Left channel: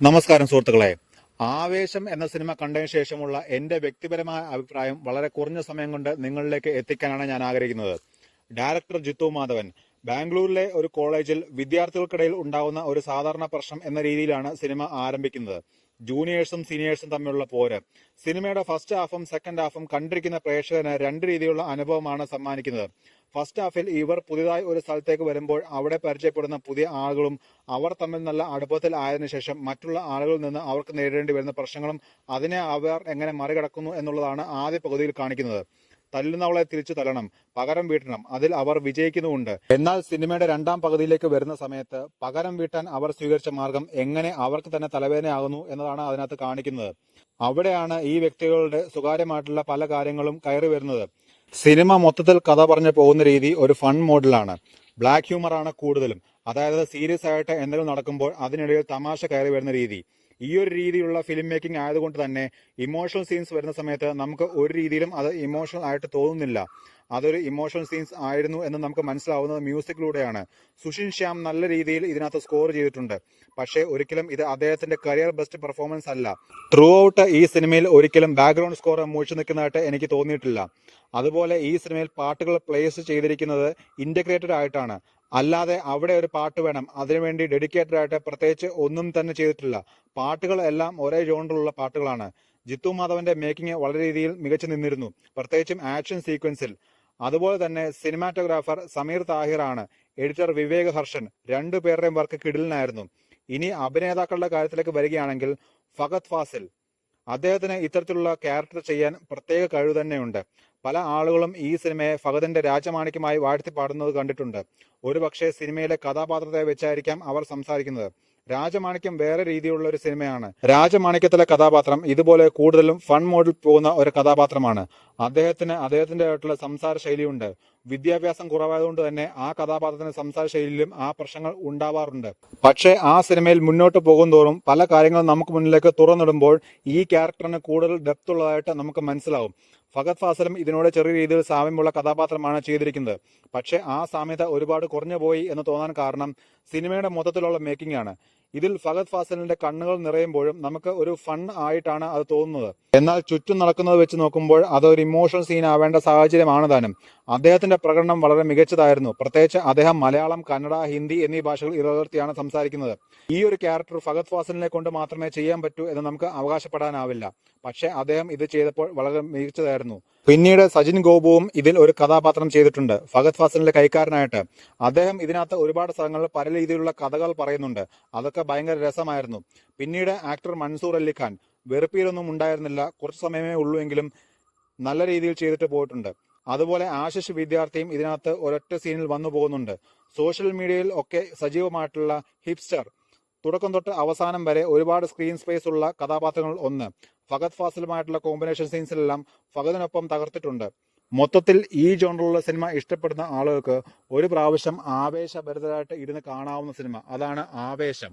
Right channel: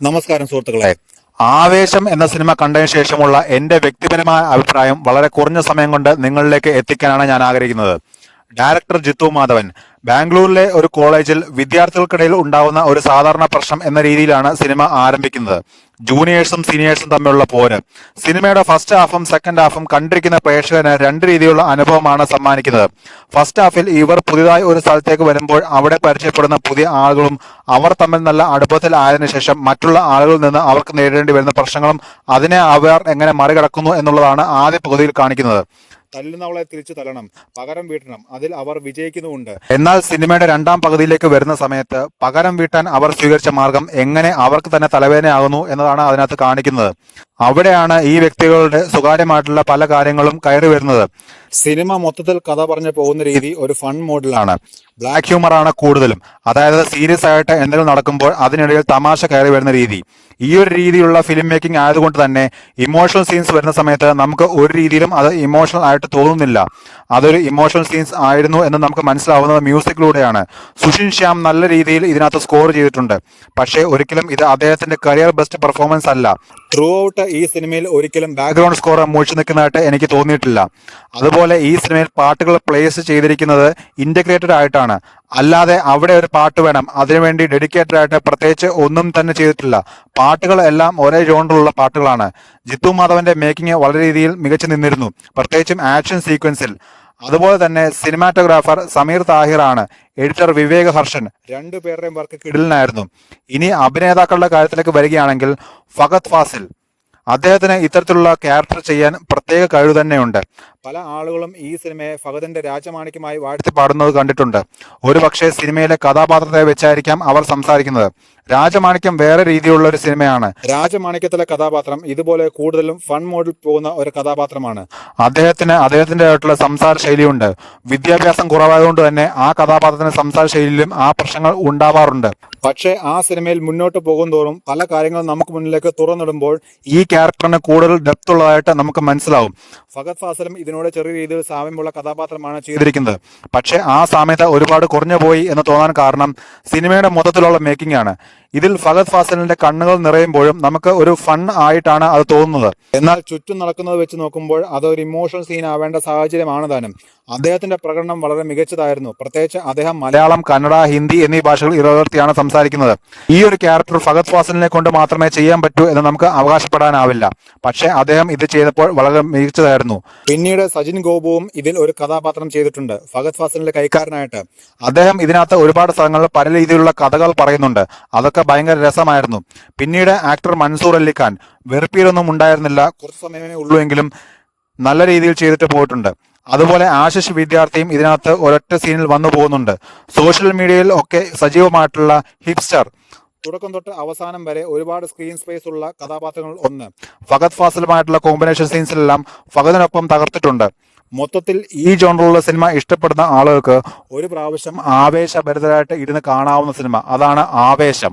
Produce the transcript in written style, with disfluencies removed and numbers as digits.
നമസ്കാരം സുഹൃത്തുക്കളെ. ആവേശം എന്ന സിനിമ കണ്ടതിന് ശേഷമുള്ള എൻ്റെ വ്യക്തിപരമായ അഭിപ്രായം വളരെ കുറഞ്ഞ സമയം കൊണ്ട് നിങ്ങളിലേക്ക് എത്തിക്കാനാണ് ഞാൻ ആഗ്രഹിക്കുന്നത്. ഡയറക്ടർ ജിത്തു മാധവൻ ബാംഗ്ലൂരിലെ ഒരു കോളേജിൽ വിദ്യാർത്ഥികൾക്കിടയിൽ ഉണ്ടാവുന്ന ഒരു സാധാരണ പ്രശ്നം എന്ന രീതിയിലാണ് സിനിമ ആരംഭിക്കുന്നത്. ജൂനിയേഴ്സും സീനിയേഴ്സും തമ്മിലുള്ള പോര്. സിനിമയുടെ ഫസ്റ്റ് ഹാഫും സെക്കൻഡ് ഹാഫും കണ്ടിരിക്കുന്ന പ്രേക്ഷകന് രണ്ട് രീതിയിലുള്ള അനുഭവമാണ് സമ്മാനിക്കുന്നത്. ഫസ്റ്റ് ഹാഫിൽ ഇവർ പുതിയതായി ഒരു സ്ഥലത്തേക്ക് വരുമ്പോൾ അവിടെ പരിചയപ്പെടുന്ന പുതിയ ആളുകളും അവർ തമ്മിൽ നല്ല അടുപ്പത്തിലായതിനു ശേഷം മറ്റുള്ള ആളുകളിൽ നിന്ന് അവർക്ക് നേരിടേണ്ടി വരുന്ന പ്രശ്നങ്ങളും അതിനെ അവർ എങ്ങനെ മറികടക്കുന്നു എന്നുള്ളതാണ് ആദ്യ പകുതിയിൽ കാണിക്കുന്നത്. തല്ലുന്നവളെ തിരിച്ചു തല്ലണം, പകരം വീട്ടണം, അതിൽ അവർ വിജയിക്കുന്നുമുണ്ട്. എന്നാൽ സിനിമയുടെ രണ്ടാം പകുതിയിലേക്ക് വരുന്ന സമയത്ത് പകരം വീട്ടാൻ അവർ സ്വീകരിച്ച മാർഗം എങ്ങനെ അവർക്ക് തന്നെ തലവേദനയാകുന്നു എന്നതാണ് അതിനകത്ത് കാണിക്കുന്നത്. അവിടെയാണ് ഈ വ്യക്തികളുടെ സ്വകാര്യമായിട്ടുള്ള പല കാര്യങ്ങളും കയറി വരുന്നത്. സിനിമ മൊത്തത്തിൽ കഥ പറഞ്ഞു പോകുന്ന രീതി ഒരു ഫൺ മോഡിലാണ്. ബ്ലാക്ക് ഹ്യൂമറാണ് കൂടുതലും. അതായത് സീരിയസ് ആയിട്ട് എന്തെങ്കിലും നടക്കുമ്പോൾ അതിനിടയിൽ തമാശ കയറി വരുന്ന രീതി. ഈ ഒരു രീതിയിലുള്ള ഫിലിം മേക്കിംഗ് ആയതുകൊണ്ട് തന്നെ ഇമോഷണൽ സീൻസ് വരുന്ന സമയത്ത് നമുക്ക് ഒരു രീതിയിലും അത് ഇമോഷണൽ ആയിട്ട് തോന്നുന്നില്ല. അതൊരു ഇമോഷണൽ സീൻസ് ആയിരുന്നു എന്ന് നമുക്ക് മനസ്സിലാവുന്നത് മ്യൂസിക്കിലൂടെയാണ്. സുഷിൻ ശ്യാം നല്ല രീതിയിൽ ഇതിനകത്ത് സ്കോർ ചെയ്തിട്ടുണ്ട്. പക്ഷേ ഒരിക്കലും ഇത് അദ്ദേഹത്തിന്റെ കരിയർ ബെസ്റ്റ് പെർഫോമൻസ് അല്ല. ത്രൂ ഔട്ട് ഈ സിനിമയിൽ ഒരിക്കലും ബാക്ക്ഗ്രൗണ്ട് സ്കോർ മൂഴ്ച നിൽക്കുന്നതായിട്ട് എനിക്ക് തോന്നിയിട്ടില്ല. അതുപോലെ ഈ സിനിമയിൽ പാട്ടുകൾ പ്ലേസ് ചെയ്തിരിക്കുന്നത് ഇന്റഗ്രേറ്റഡ് ആയിട്ടാണ്. അല്ലാതെ അവിടെ ഒരു പാട്ട് വേണം അതിനുവേണ്ടി ഡെഡിക്കേറ്റഡ് ആയിട്ട് പ്രത്യേകിച്ച് ഒന്നും തന്നെ ചെയ്തിട്ടില്ല. പാട്ടുകൾ എല്ലാം ഒരേ ജോണറിലുള്ള പാട്ടുകളാണ്. ജിത്തു മാധവന്റെ മേക്കിംഗ് വളരെ രീതിയിൽ മികച്ചു നിന്നിരുന്നു, പ്രത്യേകിച്ചും ആക്ഷൻ സീക്വൻസിൽ. അതുപോലെ തന്നെ സിനിമാറ്റോഗ്രാഫർ സമീർ താഹിറാണ്, എഡിറ്റർ വിവേക് ഹർഷൻ. രണ്ടുപേരുടെയും വർക്ക് കിടിലനായിരുന്നു. ഇനി അഭിനേതാക്കളുടെ കാര്യത്തിലേക്ക് വരികയാണെങ്കിൽ ഫഹദ് ഫാസിൽ, അദ്ദേഹത്തിന് ഇത്തരത്തിലുള്ള ക്യാരക്ടർ ചെയ്യാൻ പ്രത്യേക കഴിവ് തന്നെയുണ്ട്. പല ആളുകളും ഈ സിനിമയെ ഫഹദിന്റെ രാജമാണിക്യമായി വാഴ്ത്തി പാടുന്നത് കണ്ടിട്ടുണ്ട്. ഒരുപക്ഷെ സിനിമയിലെ കഥാപാത്രത്തെ വെച്ചായിരിക്കാം അവർ സംസാരിക്കുന്നത്. രാജമാണിക്യം വേറെ രീതിയിലുള്ള ഒരു സിനിമയാണ്. രാജമാണിക്യത്തിലെ കഥാപാത്രം ഇതുപോലെ കൂടുതലും ഫൺ മോഡിൽ പോകുന്ന ഒരു കഥാപാത്രമാണ്. അദ്ദേഹത്തിന്റെ ആയിട്ടുള്ള സംസാര ശൈലിയുണ്ട്. വിദ്യാഭ്യാസം കുറവായതുകൊണ്ട് തന്നെ ആ കഥാപാത്രത്തിന്റെ സംസാര ശൈലിയിലും ആ പ്രശ്നങ്ങൾ ഉണ്ടാവാറുണ്ട്. പക്ഷേ ആ സിനിമയിൽ മുന്നോട്ട് പോകുന്തോറും പല കാര്യങ്ങളും നമുക്ക് മുന്നിലേക്ക് തുറന്നിടുമ്പോൾ ഈ ക്യാരക്ടറിന് കൂടുതൽ ഡെപ്ത് ഉള്ളതായിട്ട് നമുക്ക് മനസ്സിലാവും. ഫഹദ് ഫാസിലും ഇതിനോട് ചെറിയ രീതിയിൽ സാമ്യമുള്ള കഥാപാത്രമാണ് ചെയ്തിരിക്കുന്നത്. പക്ഷേ ആ സാമ്യത ഒരുപാട് കുറഞ്ഞു പോയി എന്ന് തോന്നാൻ കാരണം സിനിമയുടെ മൊത്തത്തിലുള്ള മേക്കിംഗ് ആണ്. ഇതിൽ ഫഹദ് ഫാസിലിന്റെ കണ്ണുകൾ നിറയുമ്പോഴും നമുക്ക് ഒരു ഫൺ ആയിട്ടാണ് അത് തോന്നുന്നത്. എന്നാൽ ചുറ്റും നടക്കുന്നത് വെച്ച് നോക്കുമ്പോൾ അതൊരു ഇമോഷണൽ സീൻ ആവേണ്ട സാഹചര്യമാണ് താനും. അദ്ദേഹത്തിന്റെ പ്രകടനം വളരെ മികച്ചതായിരുന്നു. പ്രത്യേകിച്ച് അദ്ദേഹം മലയാളം, കന്നഡ, ഹിന്ദി എന്നീ ഭാഷകൾ ഇടകലർത്തിയാണ് സംസാരിക്കുന്നത്. ഈ ഒരു ക്യാരക്ടർ ഫഹദ് ഫാസിലിനെ കൊണ്ട് മാത്രമേ ചെയ്യാൻ പറ്റൂ എന്ന് നമുക്ക് അവകാശപ്പെടാനാവില്ല. പക്ഷേ അദ്ദേഹം ഇത് ചെയ്തപ്പോൾ വളരെ മികച്ചതായിരുന്നു. പിന്നീട് സജിൻ ഗോപുവും ഇതിൽ ഒരു കഥാപാത്രം ചെയ്തിട്ടുണ്ട്, ഫഹദ് ഫാസിലിന്റെ കൈക്കാരനായിട്ട്. അദ്ദേഹം ഇതിനകത്ത് ഒരുപാട് സ്ഥലങ്ങളിൽ പല രീതിയിലുള്ള കഥകൾ പറയുന്നുണ്ട്. അതൊക്കെ ഭയങ്കര രസമായിരുന്നു. പിന്നീട് ആക്ടർ മൻസൂർ അലിഖാൻ വെറുപ്പിയിലൊന്നും ഉണ്ടായിരുന്നില്ല, കുറച്ച് സമയമേ ഉള്ളൂ എങ്കിലും നല്ല രീതിയിൽ ചെയ്തിട്ട് പോയിട്ടുണ്ട്. അതുപോലെ ആശിഷ് വിദ്യാർത്ഥിയും ഇതിനകത്ത് ഒരൊറ്റ സീനിൽ വന്നു പോകുന്നുണ്ട്. സോഷ്യൽ മീഡിയയിൽ ഒക്കെ സജീവമായിട്ടുള്ള ഹിപ്സ്റ്റർ. തുടക്കം തൊട്ട് അവസാനം വരെ ഒരുപാട് സ്ക്രീൻ സ്പേസ് ഉള്ള കഥാപാത്രങ്ങൾ ഒന്ന്. ഫഹദ് ഫാസിലുമായിട്ടുള്ള കോമ്പിനേഷൻ സീൻസിലെല്ലാം ഫഹദിനൊപ്പം തകർത്തിട്ടുണ്ട്. മൊത്തത്തിൽ ഈ ജോണറിലുള്ള സിനിമ ഇഷ്ടപ്പെടുന്ന ആളുകൾക്ക് ഒരു പ്രാവശ്യം ആവേശഭരിതരായിട്ട് ഇരുന്ന് കാണാവുന്ന സിനിമ. അതാണ് ആവേശം.